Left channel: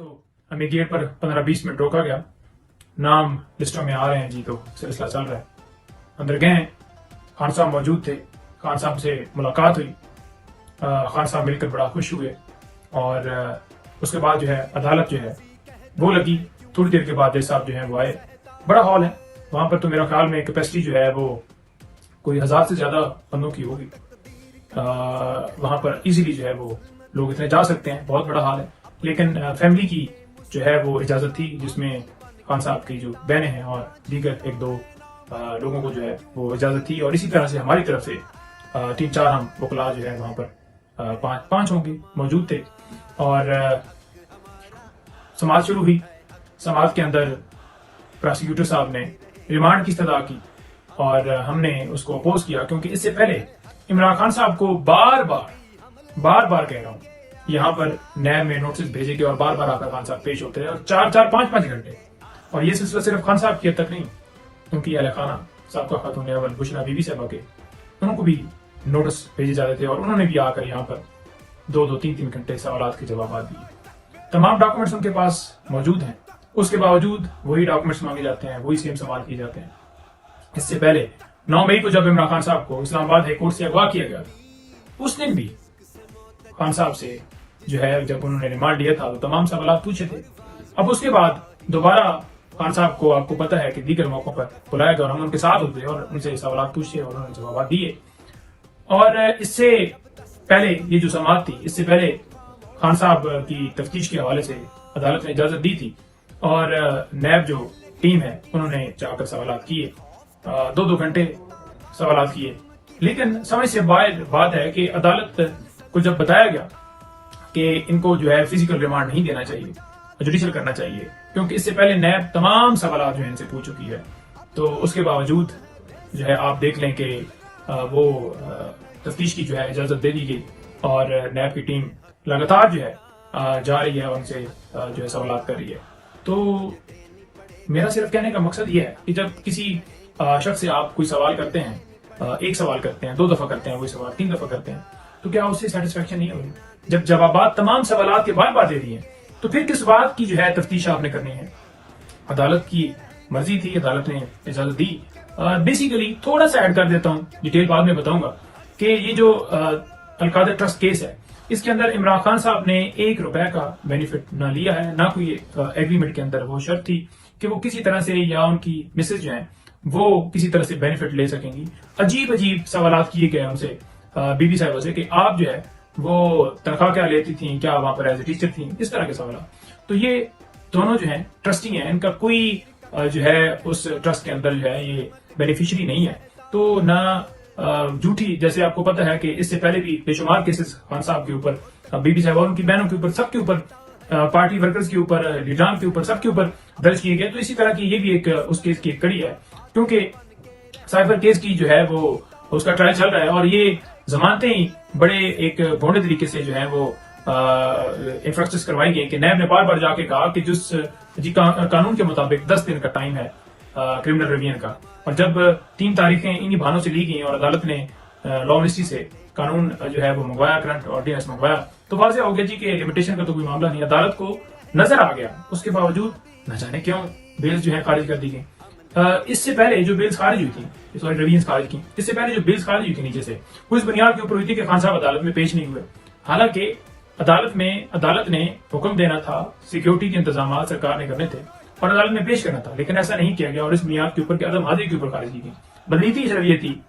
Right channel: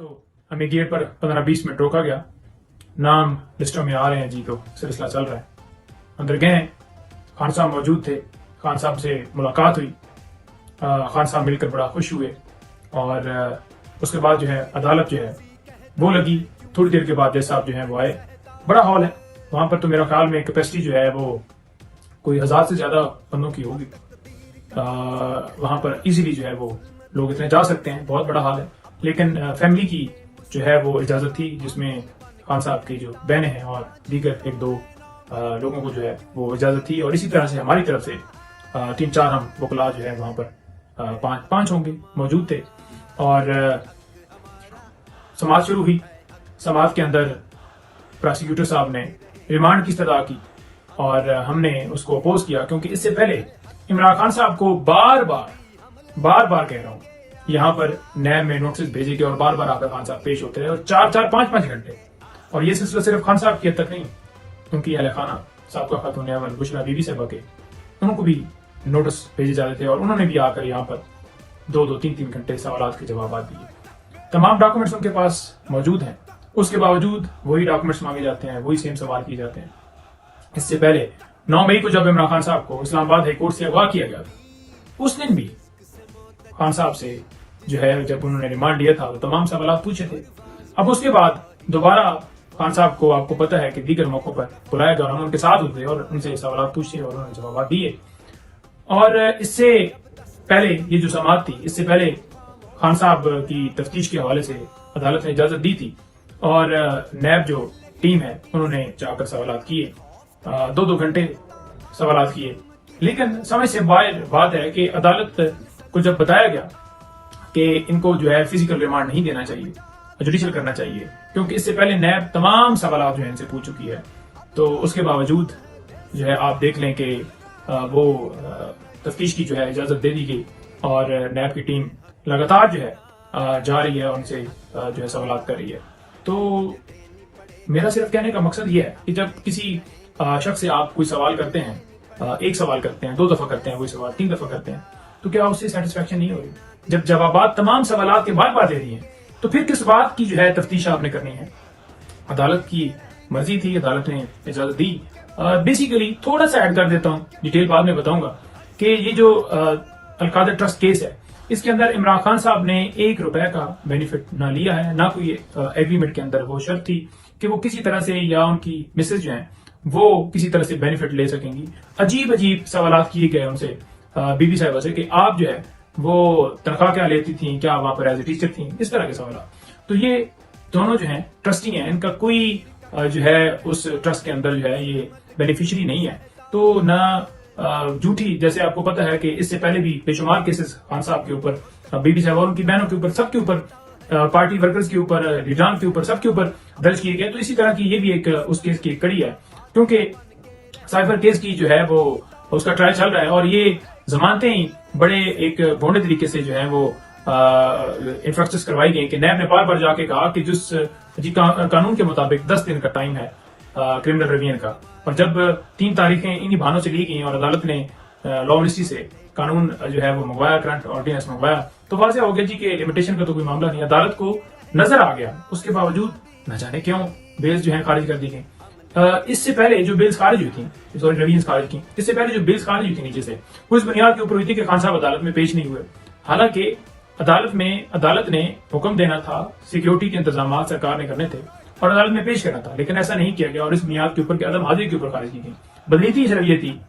तो हमें गेट पर 15-20 मिनट रोका गया। नाम लिस्टों में आ रहे हैं जी, तो सिलसिला चल रहा है। अंदर गए, खान साहब मौजूद थे, खान साहब से मुलाकात हुई। खान साहब मिलकर बड़ा खुश हुए और उसके बाद जो है अदालत जो है वो लगी। थोड़ी देर के बाद जज साहब जो है वो आए। बड़ा हॉल है वहां पर, तो मेरा ख्याल में कैपेसिटी जो है वो कोई 1000 से ज्यादा बंदों की होगी। वहां पर इजीली जो है वो लोग इतने जा सकते हैं, बहुत बड़ा हॉल है। लेकिन फैमिली की जो है वो इजाजत थी, जिसमें खान साहब की जो बहनें हैं और दीगर 1-2 लोगों को जो है वो इजाजत थी। और इसी तरह से हमारी तरफ से 3-4 हम वकला जो है वहां पर 5 होंगे मौजूद थे। और समाज शुरू हुई। समाज के अंदर प्रोसिक्यूटर साहब ने रिमांड की इस्तदा की और हमने उसको अपोज किया, क्योंकि इससे पहले इमरान खान साहब को बार बार कह रहा हूं, यहाँ पर नैब में नोटिस भेजे गए और बार बार आकर खान साहब पेश होते रहे और 4-5 घंटे। और ये सिलसिला सिर्फ खान साहब की हद तक नहीं, क्योंकि अहले खाना साहब का खातून अव्वल बुशरा बीबी साहबा के, उनको भी नोटिस भेजे जा रहे थे और उन्होंने भी आकर यहाँ पर 2-2, 3-3 घंटे सवाल के जवाब दिए। तमाम डॉक्यूमेंट्स उनके पास मौजूद हैं, उसके बावजूद वही डॉक्यूमेंट्स मांगे जाते हैं, वही सेम सवाल किए जाते हैं। इससे पहले 9 मई को जब इमरान खान साहब को इस्लामाबाद हाई कोर्ट से अगवा किया गया, उस दिन भी खान साहब से जो है जब उन्होंने रिमांड लिया था तो तमाम सवाल पूछे थे। अब उसके बाद दोबारा खान साहब को, आपको पता है कि दीगर मौकों पर बुलाया गया और हम उनके साथ होते और उनसे सवाल पूछे और उन्होंने जवाब दिए। और इससे पहले ये जो समाअत थी, इससे पहले खान साहब की तफ्तीश के हवाले से अदालत ने इजाजत दी थी और नैब जो टीम है उन्होंने जाकर सवाल किए, 2-2 घंटे सवाल किए। लेकिन समझ से बाहर बात है कि अदालत को जब बताया गया कि इनको जो है फिजिकल रिमांड नहीं देना चाहिए, जुडिशियल करना चाहिए, क्योंकि इससे पहले नैब तमाम सवाल जो है इनसे पूछ चुकी है, तो उसके बावजूद जो है आप देख लें कि वो तफ्तीश की जो है इजाजत दे दी गई और नैब की टीम लगातार जो है जा रही है और उनसे जो है सवाल कर रही है। तो मेरा सिर्फ कहने का मकसद ये है कि जब किसी शख्स से आप कोई सवाल करते हैं, 1 सवाल करते हैं, 2 दफा करते हैं, वही सवाल 3 दफा करते हैं, तो क्या उससे सेटिस्फेक्शन नहीं हो रही? जब जवाबात तमाम सवालात के बार दे रही है, तो फिर किस बात की जो है तफ्तीश आपने करनी है? अदालत की मर्जी थी, अदालत ने इजाजत दी। बेसिकली थोड़ा सा ऐड कर देता हूँ, डिटेल बाद में बताऊंगा कि ये जो अलकादर ट्रस्ट केस है, इसके अंदर इमरान खान साहब ने 1 रुपए का बेनिफिट ना लिया है, ना कोई एग्रीमेंट के अंदर वो शर्त थी कि वो किसी तरह से या उनकी मिसेज जो है वो किसी तरह से बेनिफिट ले सकेंगी। अजीब सवाल किए गए उनसे बीबी साहिबा से कि आप जो है वो तनख्वाह क्या लेती थी, क्या वहां पर एज ए टीचर थी, इस तरह के सवाल। तो ये दोनों जो हैं ट्रस्टी हैं, इनका कोई जो है उस ट्रस्ट के अंदर जो है ये बेनिफिशियरी नहीं है। तो ना झूठी, जैसे आपको पता है कि इससे पहले भी बेशुमार केसेस खान साहब के ऊपर, बीबी साहब और उनकी बहनों के ऊपर, सबके ऊपर, पार्टी वर्कर्स के ऊपर, लीडरान के ऊपर, सबके ऊपर दर्ज किए गए। तो इसी तरह की ये भी एक उस केस की एक कड़ी है, क्योंकि साइफर केस की जो है वो उसका ट्रायल चल रहा है और ये जमानतें ही बड़े एक भोंडे तरीके से जो है वो इंफ्रास्ट्रक्चर करवाई गई कि नैब ने बार जाके कहा कि जिस कानून के मुताबिक 10 दिन का टाइम है क्रिमिनल रिवीजन का, और जब 3 तारीखें इन्हीं बहानों से ली गई और अदालत ने लॉ मिनिस्ट्री से कानून जो है वो मंगवाया, करंट ऑर्डिनेंस मंगवाया, तो वाज़ेह हो गया जी कि लिमिटेशन का तो कोई मामला नहीं। अदालत को नजर आ गया, उसके बावजूद न जाने क्यों बेल्स जो है खारिज कर दी गई। इससे पहले जो बिल्स खारिज हुई थी, सॉरी रिवीजन खारिज की, इससे पहले जो बिल्स खारिज हुई थी नीचे से, वो इस बुनियाद के ऊपर हुई थी कि खान साहब अदालत में पेश नहीं हुए। हालांकि अदालत ने हुक्म देना था, सिक्योरिटी के इंतजाम सरकार ने करने थे और अदालत में पेश करना था, लेकिन ऐसा नहीं किया गया और इस बुनियाद के ऊपर के अदम आदे के ऊपर खारिज की गई। बदनीति सिर्फ ये थी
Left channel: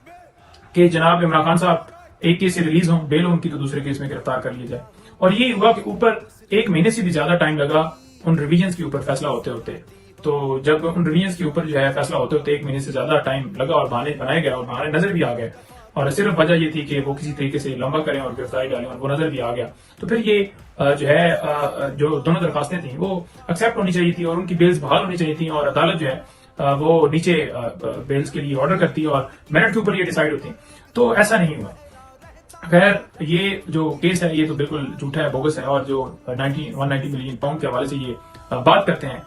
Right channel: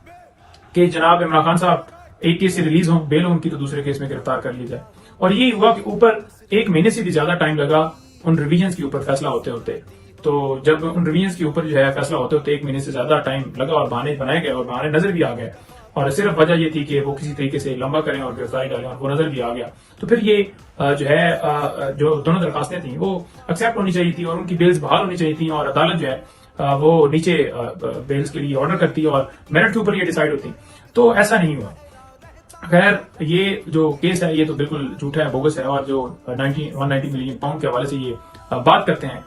कि जनाब इमरान खान साहब एक केस से रिलीज हों, बेल हो उनकी, तो दूसरे केस में गिरफ्तार कर लिया जाए। और ये हुआ कि ऊपर 1 महीने से भी ज्यादा टाइम लगा उन रिवीजन के ऊपर फैसला होते। तो जब उन रिवीजन के ऊपर जो है फैसला होते 1 महीने से ज्यादा टाइम लगा और बहाने बनाए गए और बहाने नजर भी आ गए, और सिर्फ वजह ये थी कि वो किसी तरीके से लंबा करें और गिरफ्तारी डालें, और वो नजर भी आ गया। तो फिर ये जो है जो दोनों दरखास्तें थी वो एक्सेप्ट होनी चाहिए थी और उनकी बेल्स बहाल होनी चाहिए थी, और अदालत जो है वो नीचे बेल्स के लिए ऑर्डर करती और मेरिट के ऊपर ये डिसाइड होती। तो ऐसा नहीं हुआ। खैर, ये जो केस है ये तो बिल्कुल झूठा है, बोगस है, और जो 190 मिलियन पाउंड के हवाले से ये बात करते हैं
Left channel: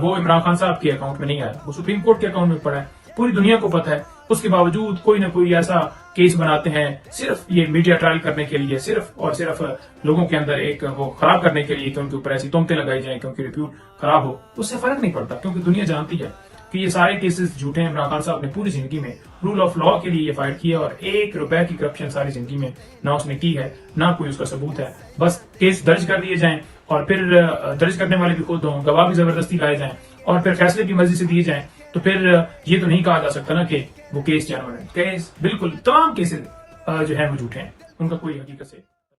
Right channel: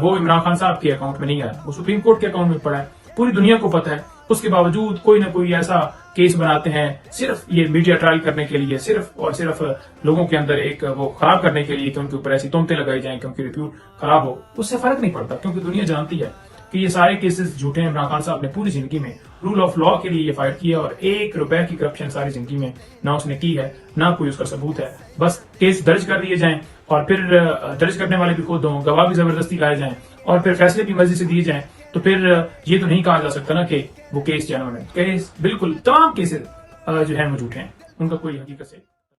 वो इमरान खान साहब के अकाउंट में नहीं है, वो सुप्रीम कोर्ट के अकाउंट में पड़ा है। पूरी दुनिया को पता है اس کے باوجود کوئی نہ کوئی ایسا کیس بناتے ہیں صرف یہ میڈیا ٹرائل کرنے کے لیے، صرف اور صرف لوگوں کے اندر ایک وہ خراب کرنے کے لیے کہ ان کے اوپر ایسی تہمتیں لگائی جائیں کہ ان کی ریپیوٹ خراب ہو. اس سے فرق نہیں پڑتا کیونکہ دنیا جانتی ہے کہ یہ سارے کیسز جھوٹے ہیں. عمران خان صاحب نے پوری زندگی میں رول آف لا کے لیے یہ فائٹ کیا اور 1 روپے کی کرپشن ساری زندگی میں نہ اس نے کی ہے، نہ کوئی اس کا ثبوت ہے. بس کیس درج کر دیے جائیں اور پھر درج کرنے والے بھی خود ہوں، گواہ بھی زبردستی لائے جائیں اور پھر فیصلے بھی مرضی سے دیے جائیں، تو پھر یہ تو نہیں کہا جا سکتا نا کہ وہ کیس جنون ہے. کیس بالکل تمام کیسز جو ہیں وہ جھوٹے ہیں، ان کا کوئی حقیقت سے